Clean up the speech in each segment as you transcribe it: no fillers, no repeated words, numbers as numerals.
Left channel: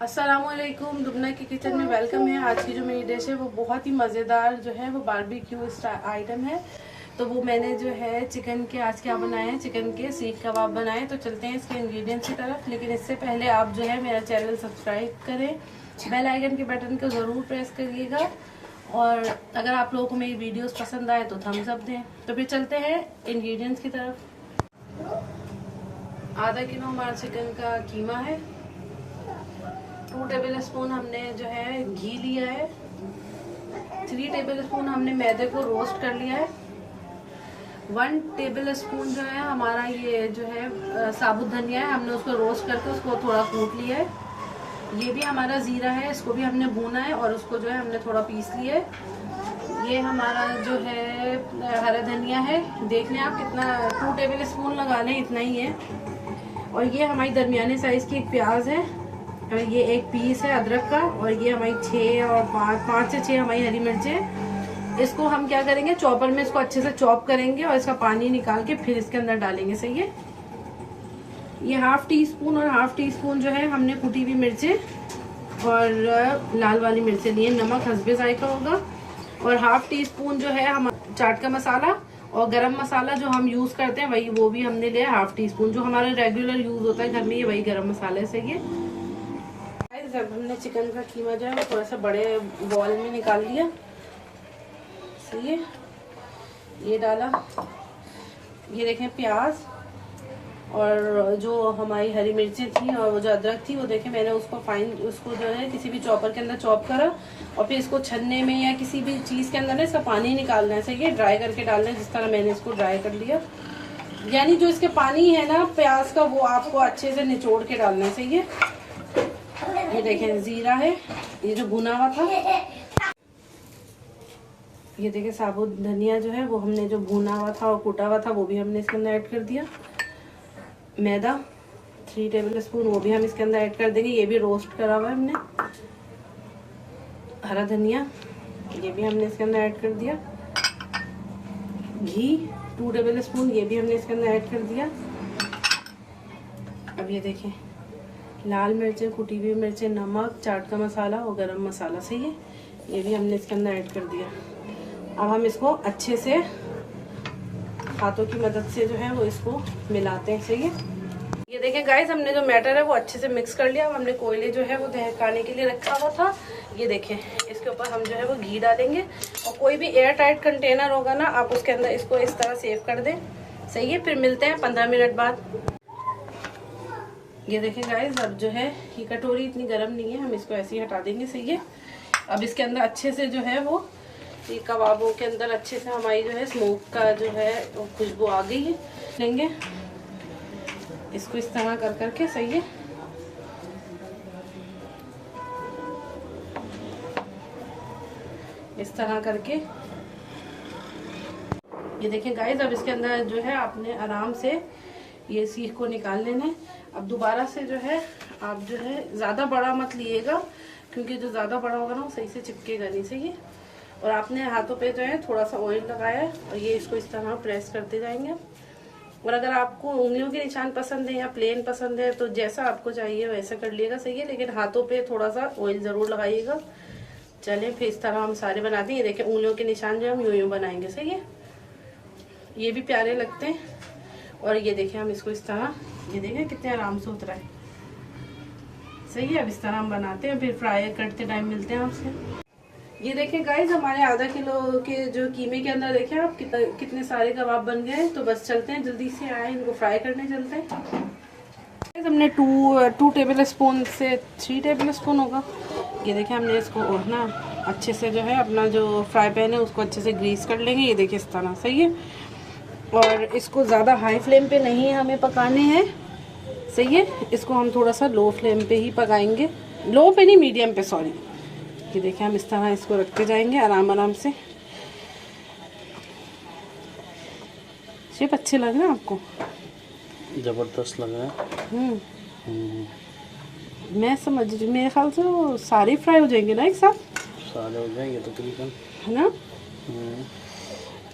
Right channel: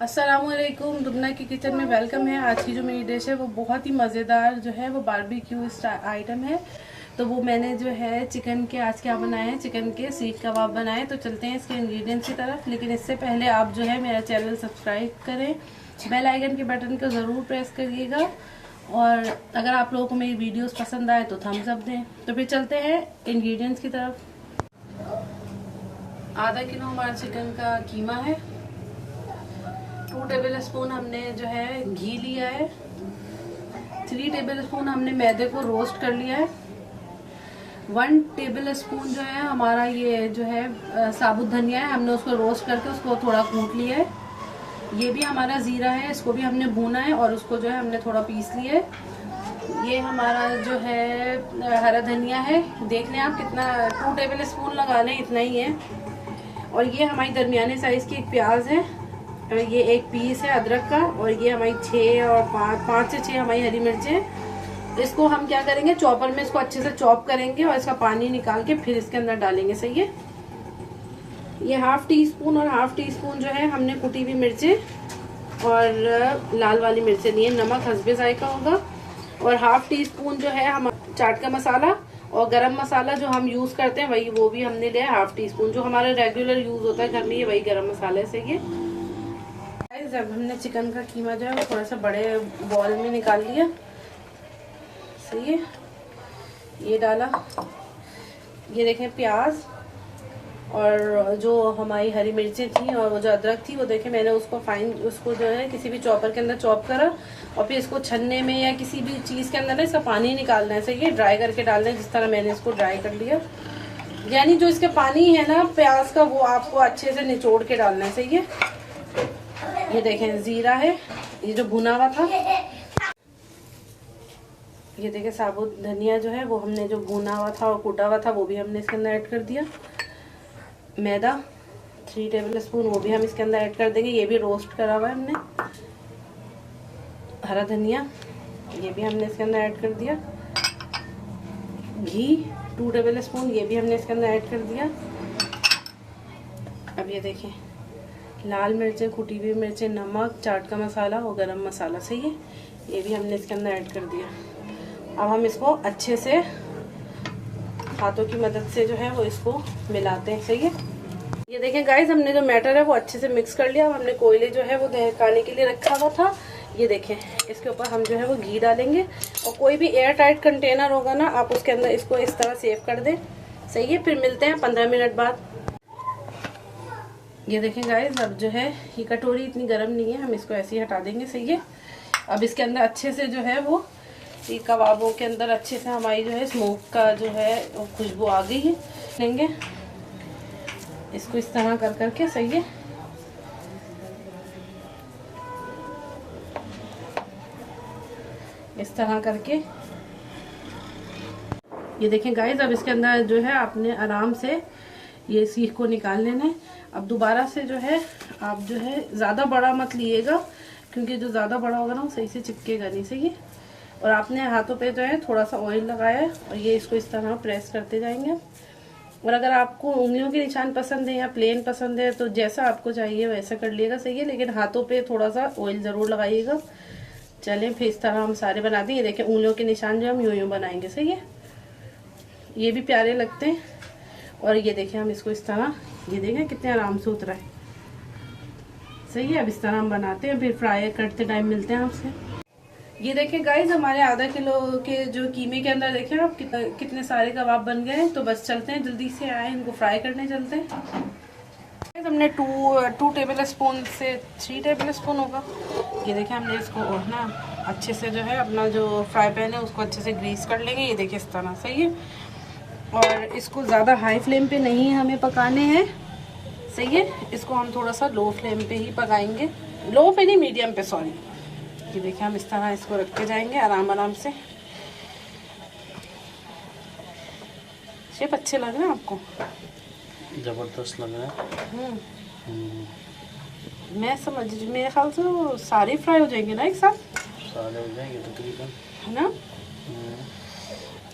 अस्सलामुअलैकुम, दुबना की किचन में वेलकम है। आज की जो मेरी डिश है वो बहुत ही मज़ेदार जो है वो बारबेक्यू आइटम है। तो वो मैंने जो है चिकन के आज क्या बनाए हैं, चिकन के सीख कबाब बनाए। तो चलते हैं इसके इंग्रेडिएंट्स की तरफ। लेकिन इससे पहले आप जो है मेरा चैनल सब्सक्राइब करें, बेल आइकन के बटन को ज़रूर प्रेस करिएगा और अगर आप लोगों को मेरी वीडियोस पसंद आए तो थम्स अप दें। तो फिर चलते हैं इंग्रेडिएंट्स की तरफ। आधा किलो हमारा चिकन का कीमा है। 2 टेबल स्पून हमने जो है घी लिया है। 3 टेबल स्पून हमने मैदे को रोस्ट कर लिया है। 1 टेबल स्पून जो है हमारा ये जो है साबुत धनिया है, हमने उसको रोस्ट करके उसको थोड़ा कूट लिया है। ये भी हमारा जीरा है, इसको भी हमने भूना है और उसको जो है हमने थोड़ा पीस लिया है। ये हमारा जो है हरा धनिया है, देख लें आप कितना, 2 टेबल स्पून लगा लें, इतना ही है। और ये हमारी दरमियाने साइज की एक प्याज है और ये एक पीस है अदरक का। और ये हमारी 5 से 6 हमारी हरी मिर्चें। इसको हम क्या करेंगे, चॉपर में इसको अच्छे से चॉप करेंगे और इसका पानी निकाल के फिर इसके अंदर डालेंगे। सही है। ये 1/2 टीस्पून और 1/2 टीस्पून जो है हमने कुटी हुई मिर्चें और लाल वाली मिर्चें लिए। नमक हस्बे जायका होगा। और 1/2 टीस्पून जो है हम चाट का मसाला और गरम मसाला जो हम यूज करते हैं वही, वो भी हमने लिया 1/2 टीस्पून। जो हमारा रेगुलर यूज होता है घर में, ये वही गरम मसाला है। सही है। जब हमने चिकन का कीमा जो है वो थोड़ा सा बड़े बॉल में निकाल लिया। सही है। ये डाला, ये देखें प्याज और जो हमारी हरी मिर्चें थी और वो जो अदरक थी, वो देखें मैंने उसको उसको जो है किसी भी चॉपर के अंदर चॉप करा और फिर इसको छन्ने में या किसी भी चीज़ के अंदर ना इसका पानी निकालना है। सही है। ड्राई करके डालना है, जिस तरह मैंने इसको ड्राई कर लिया। यानी जो इसका पानी है ना प्याज का, वो आपको अच्छे से निचोड़ के डालना है। सही है। ये देखें जीरा है, ये जो भुना हुआ था। ये देखें साबुत धनिया जो है वो हमने जो भुना हुआ था और कूटा हुआ था वो भी हमने इसके अंदर ऐड कर दिया। मैदा 3 टेबल स्पून, वो भी हम इसके अंदर ऐड कर देंगे, ये भी रोस्ट करा हुआ है हमने। हरा धनिया, ये भी हमने इसके अंदर ऐड कर दिया। घी 2 टेबल स्पून, ये भी हमने इसके अंदर ऐड कर दिया। अब ये देखें लाल मिर्चें, कुटी हुई मिर्चें, नमक, चाट का मसाला और गरम मसाला। सही है। ये भी हमने इसके अंदर ऐड कर दिया। अब हम इसको अच्छे से हाथों की मदद से जो है वो इसको मिलाते हैं। सही है। ये देखें गाइस, हमने जो मैटर है वो अच्छे से मिक्स कर लिया। अब हमने कोयले जो है वो दहकाने के लिए रखा हुआ था। ये देखें, इसके ऊपर हम जो है वो घी डालेंगे और कोई भी एयर टाइट कंटेनर होगा ना, आप उसके अंदर इसको इस तरह सेव कर दें। सही है। फिर मिलते हैं 15 मिनट बाद। ये देखें गाइस, अब जो है ये कटोरी इतनी गर्म नहीं है, हम इसको ऐसे ही हटा देंगे। सही है। अब इसके अंदर अच्छे से जो है वो ये कबाबों के अंदर अच्छे से हमारी जो है स्मोक का जो है खुशबू आ गई है। लेंगे इसको इस तरह कर करके। सही है। इस तरह करके ये देखें गाइस, अब इसके अंदर जो है आपने आराम से ये सीख को निकाल लेना। अब दोबारा से जो है आप जो है ज़्यादा बड़ा मत लिएगा, क्योंकि जो ज़्यादा बड़ा होगा ना वो सही से चिपकेगा नहीं। सही है। और आपने हाथों पे जो है थोड़ा सा ऑयल लगाया है और ये इसको इस तरह प्रेस करते जाएंगे। और अगर आपको उंगलियों के निशान पसंद है या प्लेन पसंद है तो जैसा आपको चाहिए वैसा कर लिएगा। सही है। लेकिन हाथों पे थोड़ा सा ऑयल ज़रूर लगाइएगा। चलें फिर इस तरह हम सारे बना दें। ये देखें उंगलियों के निशान जो हम यूं यूं बनाएंगे। सही है। ये भी प्यारे लगते हैं। और ये देखें हम इसको इस तरह, ये देखें कितने आराम से उतरा है। सही है। अब इस तरह हम बनाते हैं, फिर फ्राई करते टाइम मिलते हैं आपसे। ये देखें गाइस, हमारे आधा किलो के जो कीमे के अंदर देखें आप कितने सारे कबाब बन गए हैं। तो बस चलते हैं, जल्दी से आए इनको फ्राई करने चलते हैं। हमने 2 टेबल स्पून से 3 टेबल स्पून होगा। ये देखें हमने इसको ना अच्छे से जो है अपना जो फ्राई पैन है उसको अच्छे से ग्रीस कर लेंगे। ये देखिए इस तरह। सही है। और इसको ज़्यादा हाई फ्लेम पे नहीं हमें पकाने हैं। सही है। इसको हम थोड़ा सा लो फ्लेम पे ही पकाएंगे, लो पे नहीं मीडियम पे, सॉरी। ये देखिए हम इस तरह इसको रखते जाएंगे आराम आराम से। शेप अच्छे लग रहे हैं आपको? जबरदस्त लग रहा है। मैं समझ रही, मेरे ख्याल से वो सारे फ्राई हो जाएंगे ना एक साथ। सारे हो जाएंगे तकरीबन, है ना।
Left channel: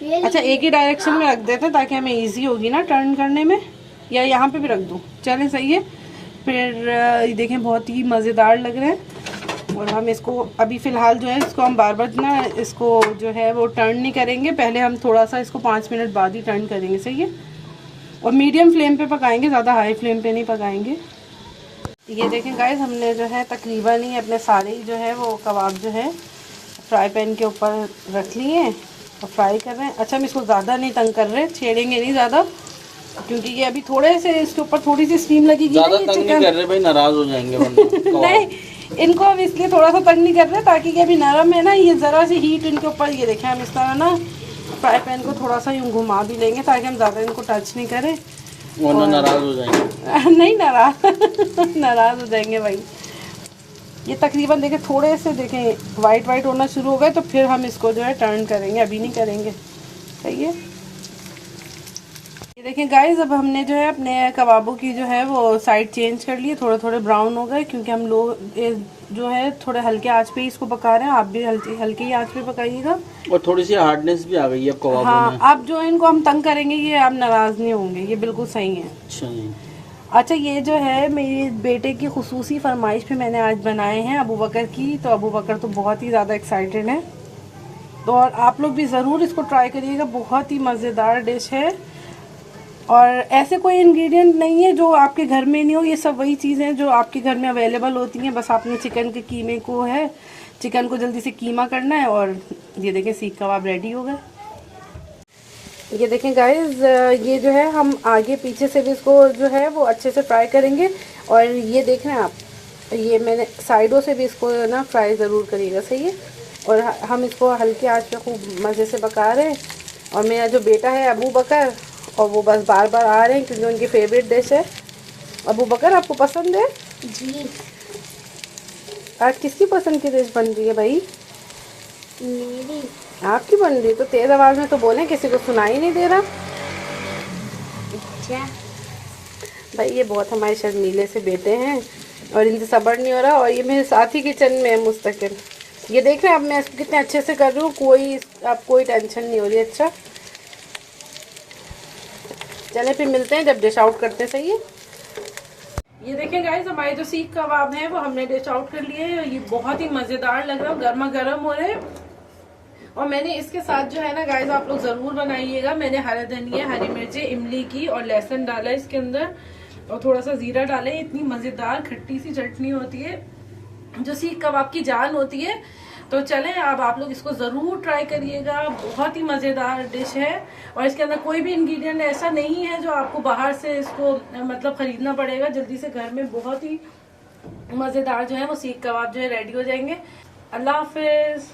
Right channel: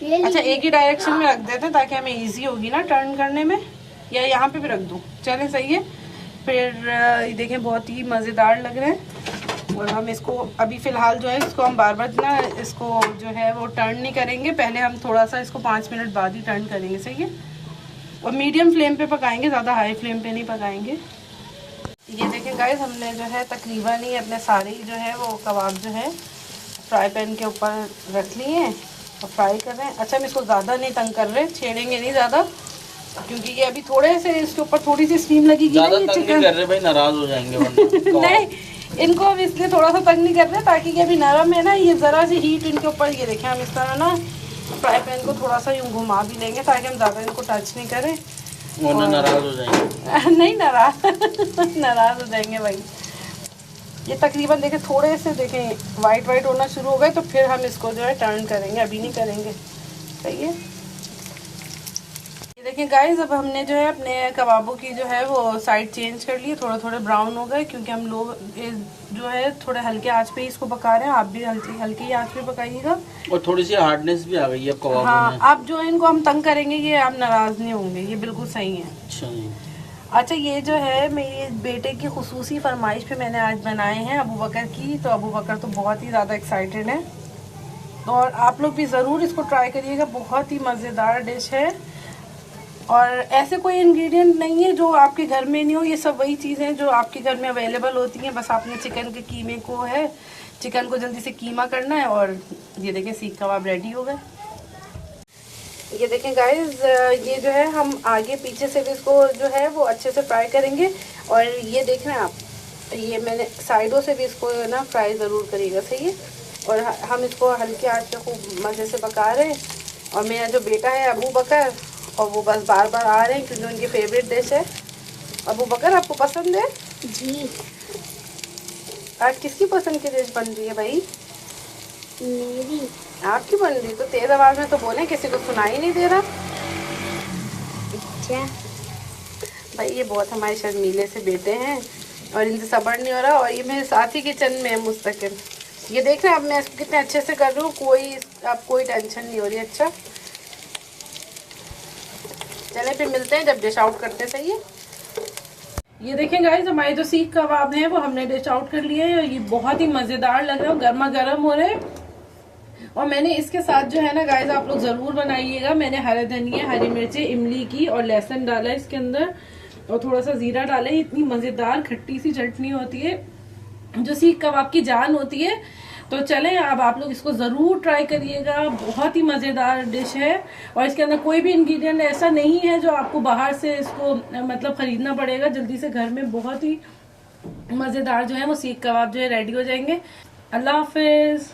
अच्छा, एक ही डायरेक्शन में रख देते ताकि हमें इजी होगी ना टर्न करने में, या यहाँ पे भी रख दूँ? चलें। सही है। फिर ये देखें बहुत ही मज़ेदार लग रहा है। और हम इसको अभी फ़िलहाल जो है इसको हम बार बार ना इसको जो है वो टर्न नहीं करेंगे, पहले हम थोड़ा सा इसको 5 मिनट बाद ही टर्न करेंगे, सही है। और मीडियम फ्लेम पे पकाएंगे, ज़्यादा हाई फ्लेम पे नहीं पकाएंगे। ये देखें गाइस, हमने जो है तकरीबन ही अपने सारे जो है वो कबाब जो है फ्राई पैन के ऊपर रख लिए हैं और फ्राई कर रहे हैं। अच्छा, हम इसको ज़्यादा नहीं तंग कर रहे, छेड़ेंगे नहीं ज़्यादा, क्योंकि ये अभी थोड़े से इसके ऊपर थोड़ी सी स्टीम लगेगी। ज़्यादा तंग नहीं कर रहे भाई, नाराज़ हो जाएंगे नहीं, इनको अब इसलिए थोड़ा सा तंग नहीं कर रहे ताकि ये अभी नरम है ना, ये ज़रा सी हीट इनके ऊपर। ये देखें, हम इस तरह ना फ्राई पैन को थोड़ा सा यूँ घुमा भी लेंगे ताकि हम ज़्यादा इनको टच नहीं करें, वरना नाराज़ हो जाएंगे। नहीं नाराज़ हो जाएंगे भाई। ये तकरीबन देखें थोड़े से देखें वाइट होना शुरू हो गए तो फिर हम इसको जो है टर्न करेंगे, अभी नहीं करेंगे, सही है। ये देखें गाइस, अब हमने जो है अपने कबाबों की जो है वो साइड चेंज कर लिए, थोड़े ब्राउन हो गए, क्योंकि हम लोग जो है थोड़े हल्के आंच पे इसको पका रहे हैं। आप भी हल्की आंच पे पकाइएगा। और थोड़ी सी हार्डनेस भी आ गई है कबाबों में। हाँ, आप जो इनको हम तंग करेंगे ये आप नाराज़ नहीं होंगे, ये बिल्कुल सही है। अच्छा, ये जो है मेरे बेटे की खुसूसी फरमाइश पे मैंने आज बनाए हैं अबू बकर की, तो अबू बकर तो बहुत ही ज़्यादा एक्साइटेड है। तो और आप लोग भी ज़रूर इसको ट्राई करिएगा, बहुत ही मज़ेदार डिश है। और ऐसे कोई इंग्रेडिएंट नहीं है जो आपके घर में नहीं हो, ये सब वही चीज़ें जो आपके घर में अवेलेबल होती हैं। बस आपने चिकन के कीमे को है, चिकन को जल्दी से कीमा करना है और ये देखें सीख कबाब रेडी हो गए। ये देखें गाइस, ये जो है हम आगे पीछे से भी इसको जो है वो अच्छे से फ्राई करेंगे। और ये देख रहे हैं आप, ये मैंने साइडों से भी इसको ना फ्राई ज़रूर करिएगा, सही है। और हम इसको हल्के आंच पे खूब मज़े से पका रहे हैं। और मेरा जो बेटा है अबू बकर, और वो बस बार बार आ रहे हैं क्योंकि उनकी फेवरेट डिश है। अबू बकर, आपको पसंद है जी? आज किसकी पसंद की डिश बन रही है भाई? मेरी। आपकी बन रही है? तो तेज आवाज़ में तो बोले, किसी को सुनाई नहीं दे रहा क्या भाई। ये बहुत हमारे शर्मीले से बेटे हैं और इनसे सब्र नहीं हो रहा। और ये मेरे साथ ही किचन में है मुस्तकिल। ये देख रहे हैं अब मैं इसको कितने अच्छे से कर रही हूँ, कोई टेंशन नहीं हो रही। अच्छा, चले फिर मिलते हैं जब डिश आउट करते हैं, सही है। ये देखें गाइस, हमारे जो सीख कबाब हैं वो हमने डिश आउट कर लिए हैं। ये बहुत ही मज़ेदार लग रहा है, गर्मा गर्म हो रहे हैं। और मैंने इसके साथ जो है ना गाइस, आप लोग ज़रूर बनाइएगा, मैंने हरे धनिया, हरी मिर्ची, इमली की और लहसुन डाला इसके अंदर, और थोड़ा सा ज़ीरा डाले। इतनी मज़ेदार खट्टी सी चटनी होती है जो सीख कबाब की जान होती है। तो चलें, अब आप लोग इसको ज़रूर ट्राई करिएगा, बहुत ही मज़ेदार डिश है। और इसके अंदर कोई भी इंग्रेडिएंट ऐसा नहीं है जो आपको बाहर से इसको मतलब ख़रीदना पड़ेगा। जल्दी से घर में बहुत ही मज़ेदार जो है वो सीख कबाब जो है रेडी हो जाएंगे। अल्लाह हाफिज़।